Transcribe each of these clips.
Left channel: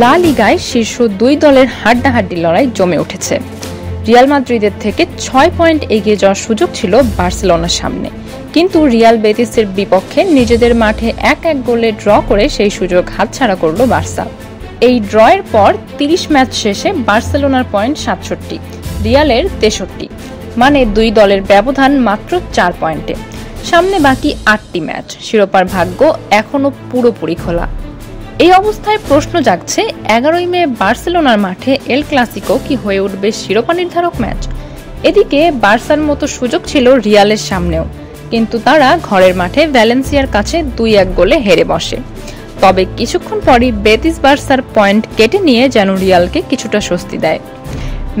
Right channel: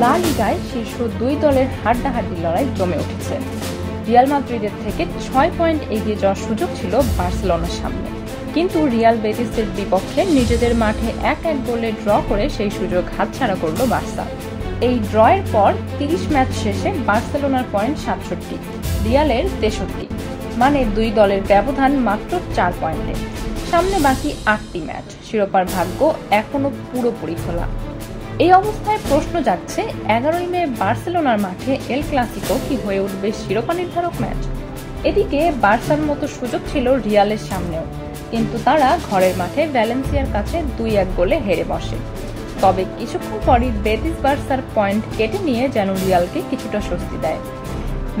লা লিগায় শীর্ষ দুই দলের হাড্ডাহাড্ডি লড়াই জমে উঠেছে। রিয়াল মাদ্রিদের থেকে 6 পয়েন্ট এগিয়ে যাওয়ার সুযোগ ছিল বার্সেলোনার সামনে, কিন্তু রিয়াল বেতিসের বিপক্ষে নিজেদের মাঠে 1-1 গোলে ড্র করে সেই সুযোগ হাতছাড়া করল বার্সা। এই ড্রয়ের পর 30 ম্যাচ শেষে বার্সেলোনার পয়েন্ট 67, রিয়ালের 63, মানে দুই দলের ব্যবধান মাত্র 4 পয়েন্টে। সামনে বাকি 8টি ম্যাচ, শিরোপার ভাগ্য এখনো পুরোপুরি খোলা। এই অবস্থায় প্রশ্ন জাগছে, 11ই মে বার্সেলোনার মাঠে এল ক্লাসিকো কি হয়ে উঠবে শিরোপা নির্ধারক ম্যাচ? এদিকে বার্সার মতো সুযোগ ছিল রিয়ালের সামনেও, কিন্তু তারা ঘরের মাঠে ভ্যালেন্সিয়ার কাছে 2-1 গোলে হেরে বসে। তবে কিছুক্ষণ পরই বেতিস বার্সার পয়েন্ট কেটে নিয়ে যেন রিয়ালকে কিছুটা স্বস্তি দেয়।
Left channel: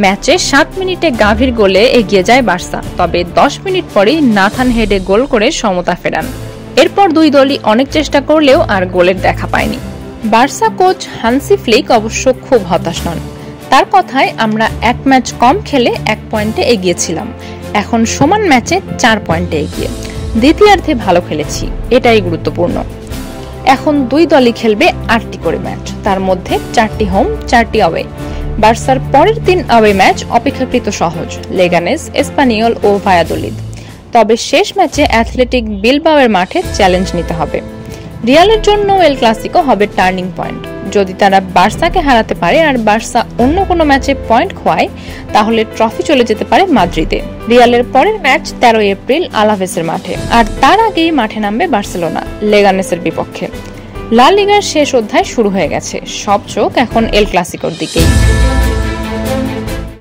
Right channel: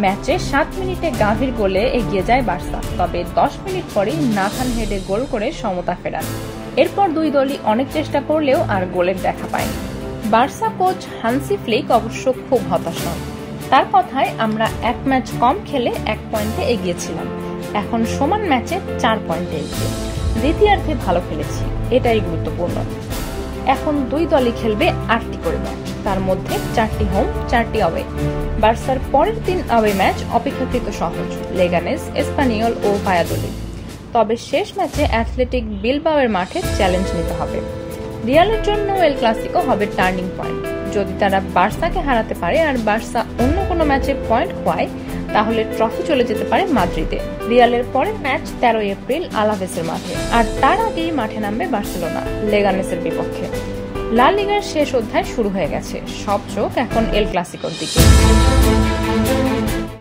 ম্যাচে 7 মিনিটে গাভির গোলে এগিয়ে যায় বার্সা, তবে 10 মিনিট পরেই নাথান হেডে গোল করে সমতা ফেরান। এরপর দুই দলই অনেক চেষ্টা করলেও আর গোলের দেখা পায়নি। বার্সা কোচ হান্সি ফ্লিক অবশ্য খুব হতাশ নন। তার কথায়, আমরা 1 ম্যাচ কম খেলে 1 পয়েন্টে এগিয়েছিলাম, এখন সমান ম্যাচে 4 পয়েন্টে এগিয়ে। দ্বিতীয়ার্ধে ভালো খেলেছি, এটাই গুরুত্বপূর্ণ। এখন দুই দলই খেলবে 8টি করে ম্যাচ, তার মধ্যে 4টি হোম 4টি অ্যাওয়ে। বার্সার পরের 3 অ্যাওয়ে ম্যাচ অপেক্ষাকৃত সহজ, লেগানেস, এসপানিওল ও ভায়াদোলিদ। তবে শেষ ম্যাচে অ্যাথলেটিক বিলবাওয়ের মাঠে চ্যালেঞ্জ নিতে হবে। রিয়ালের জন্য এল ক্লাসিকো হবে টার্নিং পয়েন্ট। যদি তারা বার্সাকে হারাতে পারে আর বার্সা অন্য কোনো ম্যাচে পয়েন্ট খোয়ায়, তাহলে ট্রফি চলে যেতে পারে মাদ্রিদে। রিয়ালের পরের ম্যাচ 13 এপ্রিল আলাভেসের মাঠে, আর তার আগেই মাঠে নামবে বার্সেলোনা লেগানেসের বিপক্ষে। লা লিগার শেষ অধ্যায় শুরু হয়ে গেছে, সব চোখ এখন এল ক্লাসিকোর দিকে।